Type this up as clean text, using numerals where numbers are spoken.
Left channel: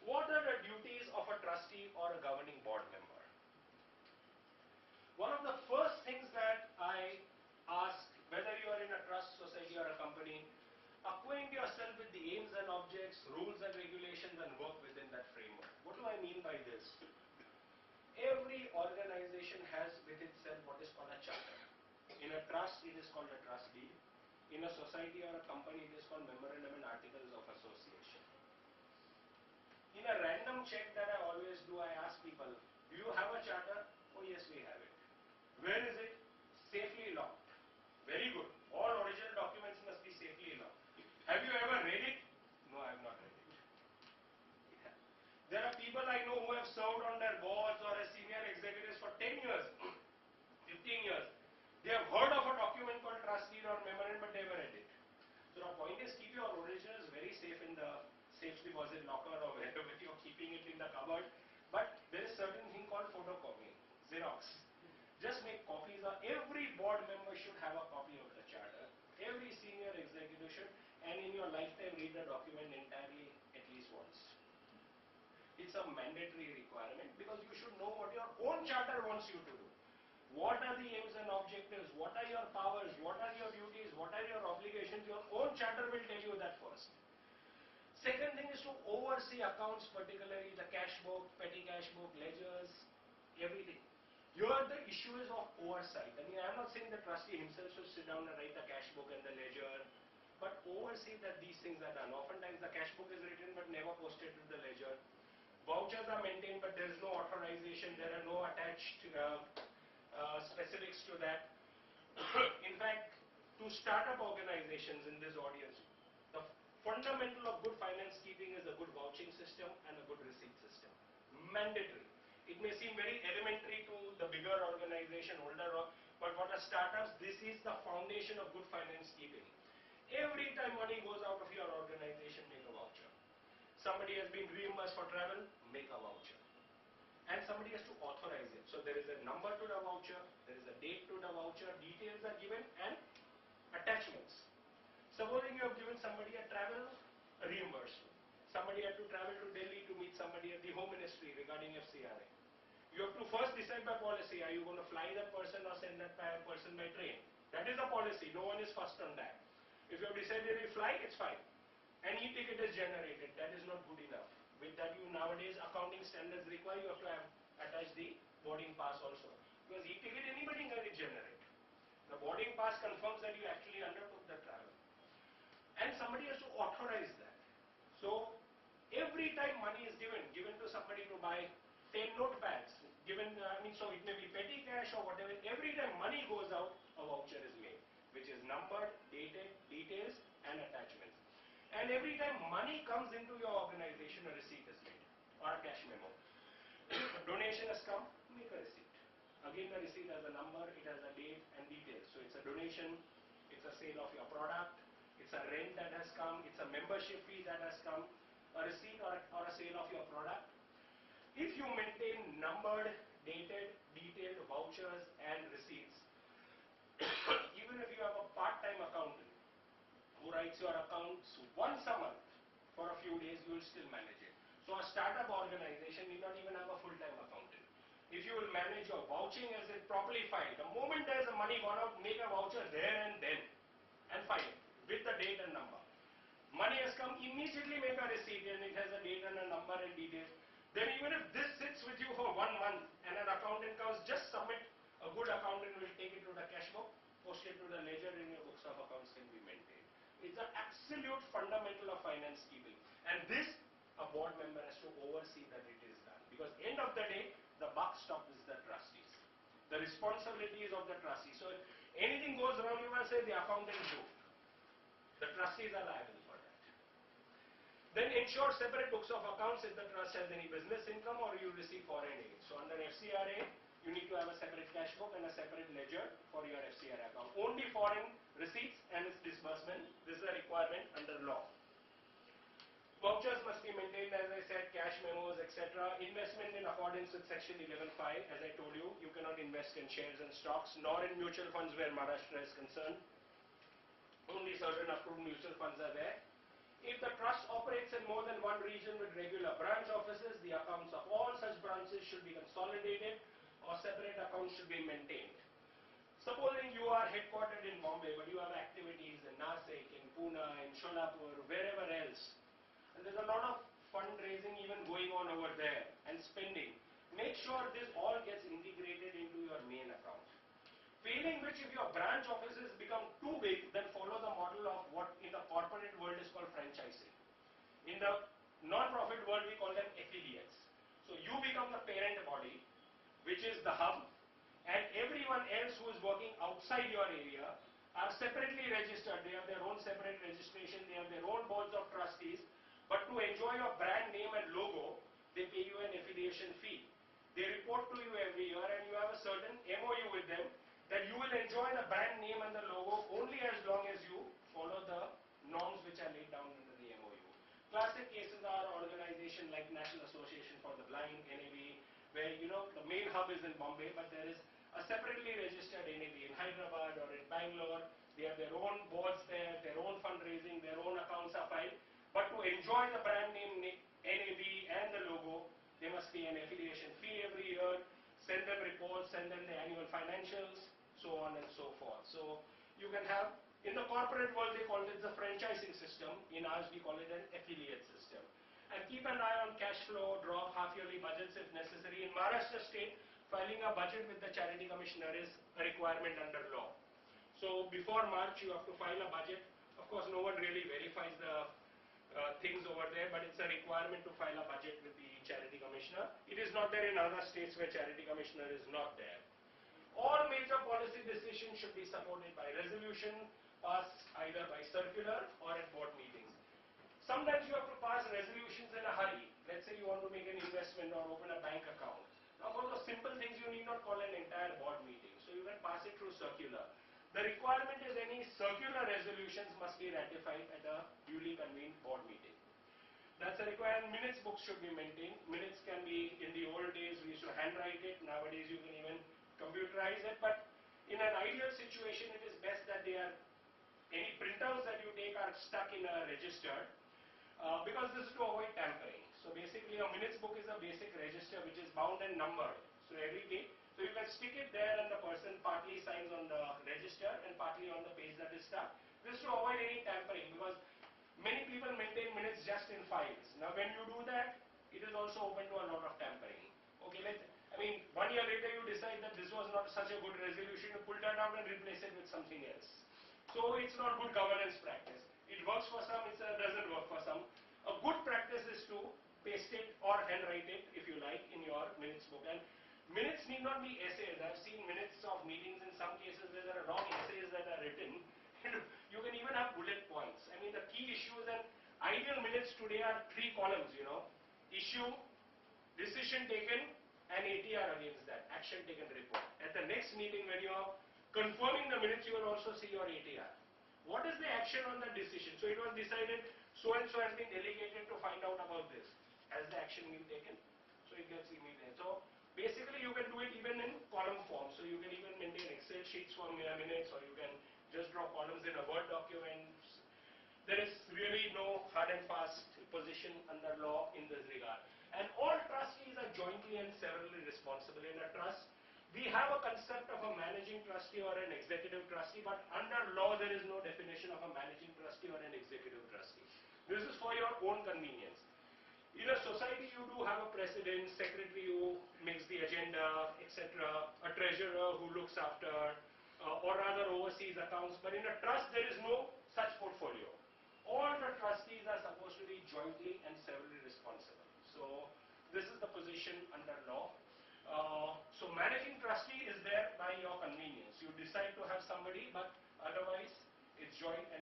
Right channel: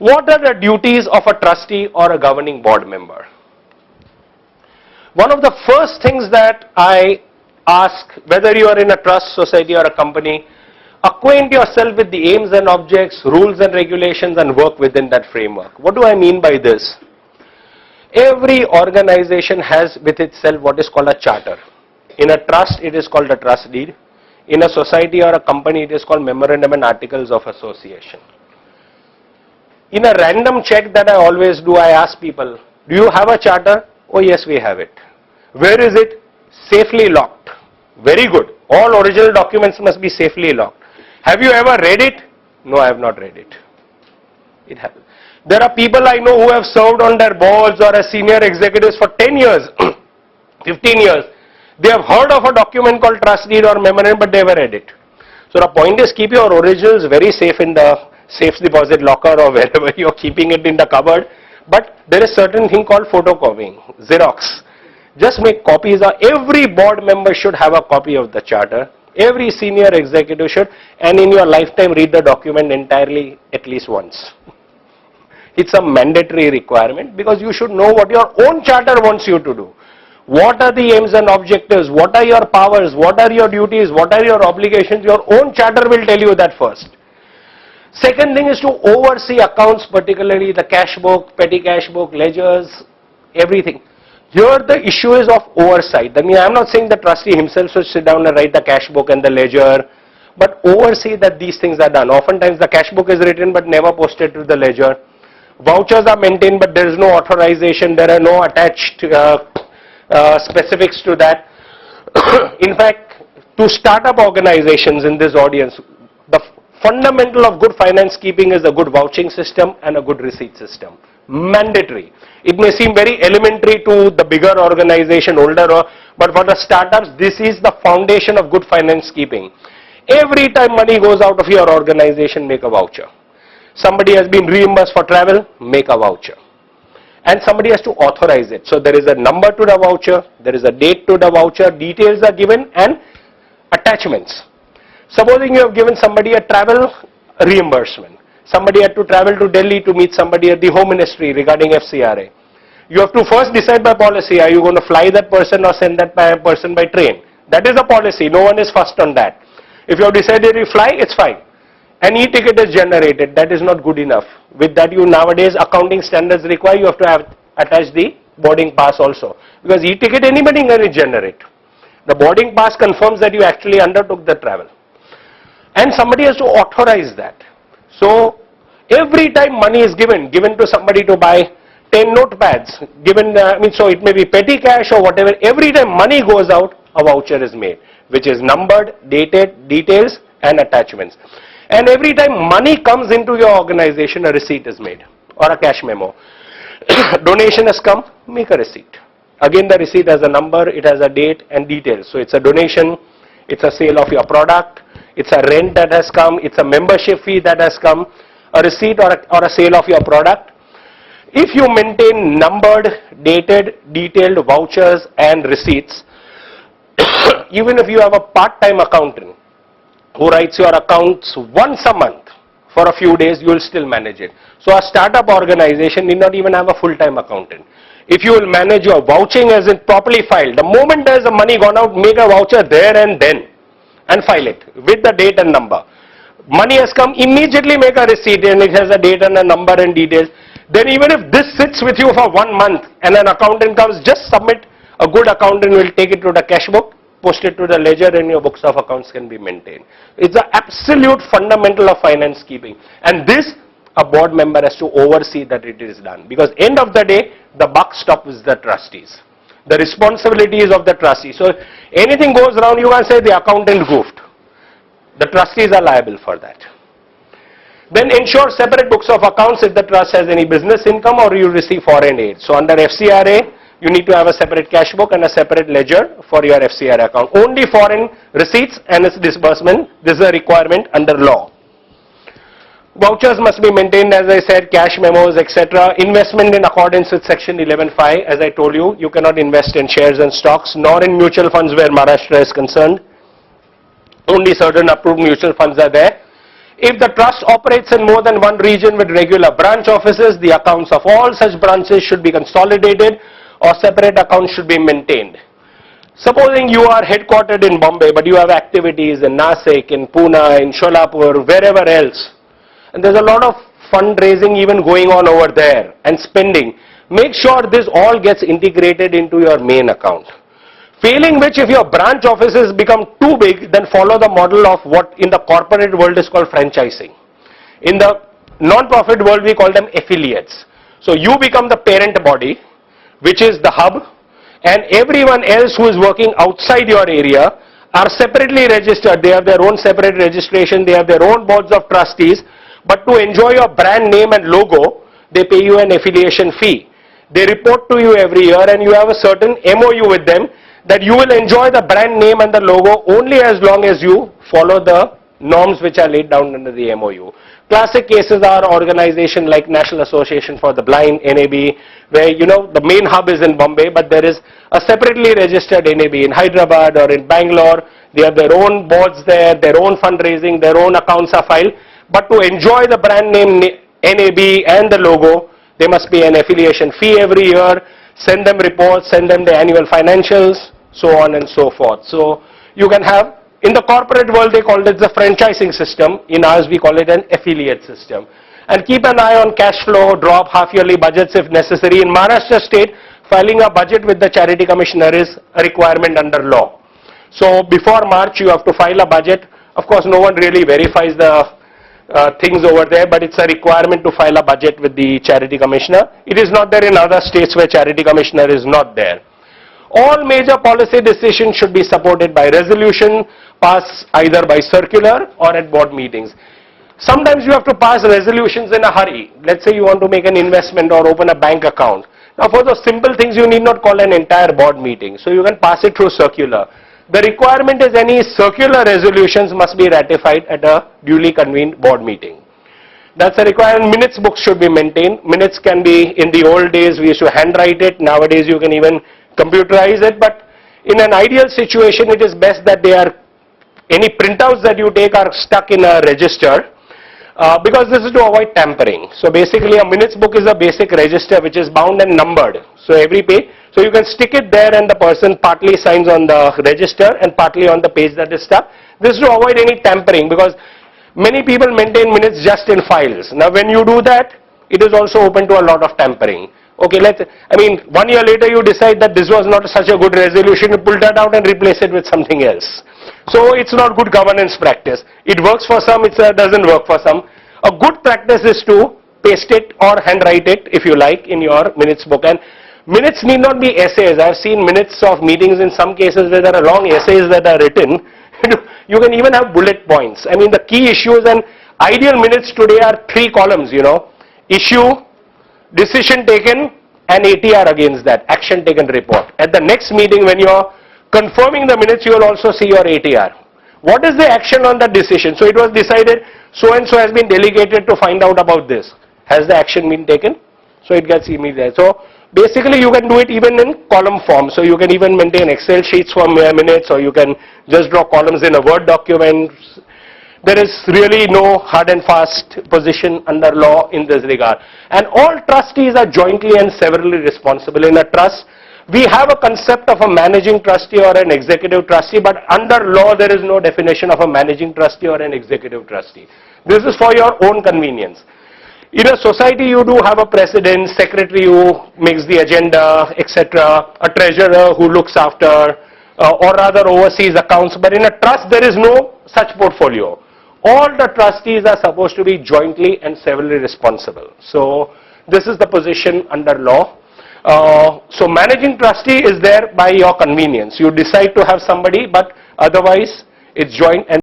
What are the duties of a trustee or a governing board member? One of the first things that I ask, whether you are in a trust, society or a company, acquaint yourself with the aims and objects, rules and regulations, and work within that framework. What do I mean by this? Every organization has with itself what is called a charter. In a trust, it is called a trust deed. In a society or a company, it is called memorandum and articles of association. In a random check that I always do, I ask people, do you have a charter? Oh yes, we have it. Where is it? Safely locked. Very good. All original documents must be safely locked. Have you ever read it? No, I have not read it. It happens. There are people I know who have served on their boards or as senior executives for 10 years, 15 years. They have heard of a document called trust deed or memorandum, but they never read it. So the point is, keep your originals very safe in the safe deposit locker or wherever you are keeping it in the cupboard. But there is certain thing called photocopying, Xerox. Just make copies. Every board member should have a copy of the charter. Every senior executive should, and in your lifetime read the document entirely at least once. It's a mandatory requirement because you should know what your own charter wants you to do. What are the aims and objectives? What are your powers? What are your duties? What are your obligations? Your own charter will tell you that first. Second thing is to oversee accounts, particularly the cash book, petty cash book, ledgers, everything. Here the issue is of oversight. I mean, I'm not saying the trustee himself should sit down and write the cash book and the ledger, but oversee that these things are done. Oftentimes the cash book is written but never posted to the ledger. Vouchers are maintained but there is no authorization, there are no attached specifics to that. In fact, to start up organizations in this audience, the fundamental of good finance keeping is a good vouching system and a good receipt system. Mandatory. It may seem very elementary to the bigger organization, older, but for the startups, this is the foundation of good finance keeping. Every time money goes out of your organization, make a voucher. Somebody has been reimbursed for travel, make a voucher. And somebody has to authorize it. So there is a number to the voucher, there is a date to the voucher, details are given and attachments. Supposing you have given somebody a travel reimbursement. Somebody had to travel to Delhi to meet somebody at the Home Ministry regarding FCRA. You have to first decide by policy, are you going to fly that person or send that person by train? That is a policy, no one is first on that. If you have decided you fly, it's fine. An e-ticket is generated, that is not good enough. With that, you nowadays accounting standards require you have to have attach the boarding pass also. Because e-ticket anybody can generate. The boarding pass confirms that you actually undertook the travel. And somebody has to authorize that. So every time money is given to somebody to buy 10 notepads, so it may be petty cash or whatever, every time money goes out, a voucher is made, which is numbered, dated, details and attachments. And every time money comes into your organization, a receipt is made or a cash memo. Donation has come, make a receipt. Again, the receipt has a number, it has a date and details. So it's a donation, it's a sale of your product, it's a rent that has come, it's a membership fee that has come, a receipt or a sale of your product. If you maintain numbered, dated, detailed vouchers and receipts, even if you have a part-time accountant who writes your accounts once a month for a few days, you will still manage it. So a startup organization need not even have a full-time accountant. If you will manage your vouching as it properly filed, the moment there is the money gone out, make a voucher there and then and file it with the date and number. Money has come, immediately make a receipt and it has a date and a number and details. Then even if this sits with you for 1 month and an accountant comes, just submit. A good accountant will take it to the cash book, post it to the ledger and your books of accounts can be maintained. It's the absolute fundamental of finance keeping. And this, a board member has to oversee that it is done. Because end of the day, the buck stops with the trustees. The responsibility is of the trustee. So if anything goes wrong, you can say the accountant goofed. The trustees are liable for that. Then ensure separate books of accounts if the trust has any business income or you receive foreign aid. So under FCRA, you need to have a separate cash book and a separate ledger for your FCRA account. Only foreign receipts and its disbursement, this is a requirement under law. Vouchers must be maintained, as I said, cash memos, etc. Investment in accordance with section 11(5). As I told you, you cannot invest in shares and stocks, nor in mutual funds where Maharashtra is concerned. Only certain approved mutual funds are there. If the trust operates in more than one region with regular branch offices, the accounts of all such branches should be consolidated or separate accounts should be maintained. Supposing you are headquartered in Bombay, but you have activities in Nasik, in Pune, in Sholapur, wherever else, and there's a lot of fundraising even going on over there and spending, make sure this all gets integrated into your main account. Failing which, if your branch offices become too big, then follow the model of what in the corporate world is called franchising. In the non-profit world, we call them affiliates. So you become the parent body, which is the hub, and everyone else who is working outside your area are separately registered. They have their own separate registration, they have their own boards of trustees, but to enjoy your brand name and logo, they pay you an affiliation fee. They report to you every year and you have a certain MOU with them that you will enjoy the brand name and the logo only as long as you follow the norms which are laid down under the MOU. Classic cases are organizations like National Association for the Blind, NAB, where the main hub is in Bombay, but there is a separately registered NAB in Hyderabad or in Bangalore. They have their own boards there, their own fundraising, their own accounts are filed. But to enjoy the brand name NAB and the logo, there must be an affiliation fee every year, send them reports, send them the annual financials, so on and so forth. So you can have, in the corporate world they call it the franchising system, in ours we call it an affiliate system. And keep an eye on cash flow, draw up half-yearly budgets if necessary. In Maharashtra state, filing a budget with the charity commissioner is a requirement under law. So before March you have to file a budget. Of course no one really verifies the things over there, but it's a requirement to file a budget with the charity commissioner. It is not there in other states where charity commissioner is not there. All major policy decisions should be supported by resolution, passed either by circular or at board meetings. Sometimes you have to pass resolutions in a hurry. Let's say you want to make an investment or open a bank account. Now for those simple things you need not call an entire board meeting, so you can pass it through circular. The requirement is any circular resolutions must be ratified at a duly convened board meeting. That's a requirement. Minutes books should be maintained. Minutes can be, in the old days we used to handwrite it, nowadays you can even computerize it, but in an ideal situation it is best that any printouts that you take are stuck in a register because this is to avoid tampering. So basically a minutes book is a basic register which is bound and numbered. So every page, so you can stick it there and the person partly signs on the register and partly on the page that is stuck. This is to avoid any tampering because many people maintain minutes just in files. Now when you do that, it is also open to a lot of tampering. Okay, 1 year later you decide that this was not such a good resolution, you pull that out and replace it with something else. So it's not good governance practice. It works for some, it doesn't work for some. A good practice is to paste it or handwrite it, if you like, in your minutes book. And minutes need not be essays. I've seen minutes of meetings in some cases where there are long essays that are written. You can even have bullet points. The key issues and ideal minutes today are 3 columns, Issue, decision taken, and ATR against that, action taken report. At the next meeting when you're confirming the minutes, you will also see your ATR. What is the action on that decision? So it was decided so and so has been delegated to find out about this. Has the action been taken? So it gets immediate. So basically you can do it even in column form. So you can even maintain Excel sheets for minutes, or you can just draw columns in a Word document. There is really no hard and fast position under law in this regard. And all trustees are jointly and severally responsible. In a trust, we have a concept of a managing trustee or an executive trustee, but under law there is no definition of a managing trustee or an executive trustee. This is for your own convenience. In a society you do have a president, secretary who makes the agenda, etc., a treasurer who looks after or rather oversees accounts, but in a trust there is no such portfolio. All the trustees are supposed to be jointly and severally responsible. So this is the position under law. So managing trustee is there by your convenience. You decide to have somebody, but otherwise it's joint and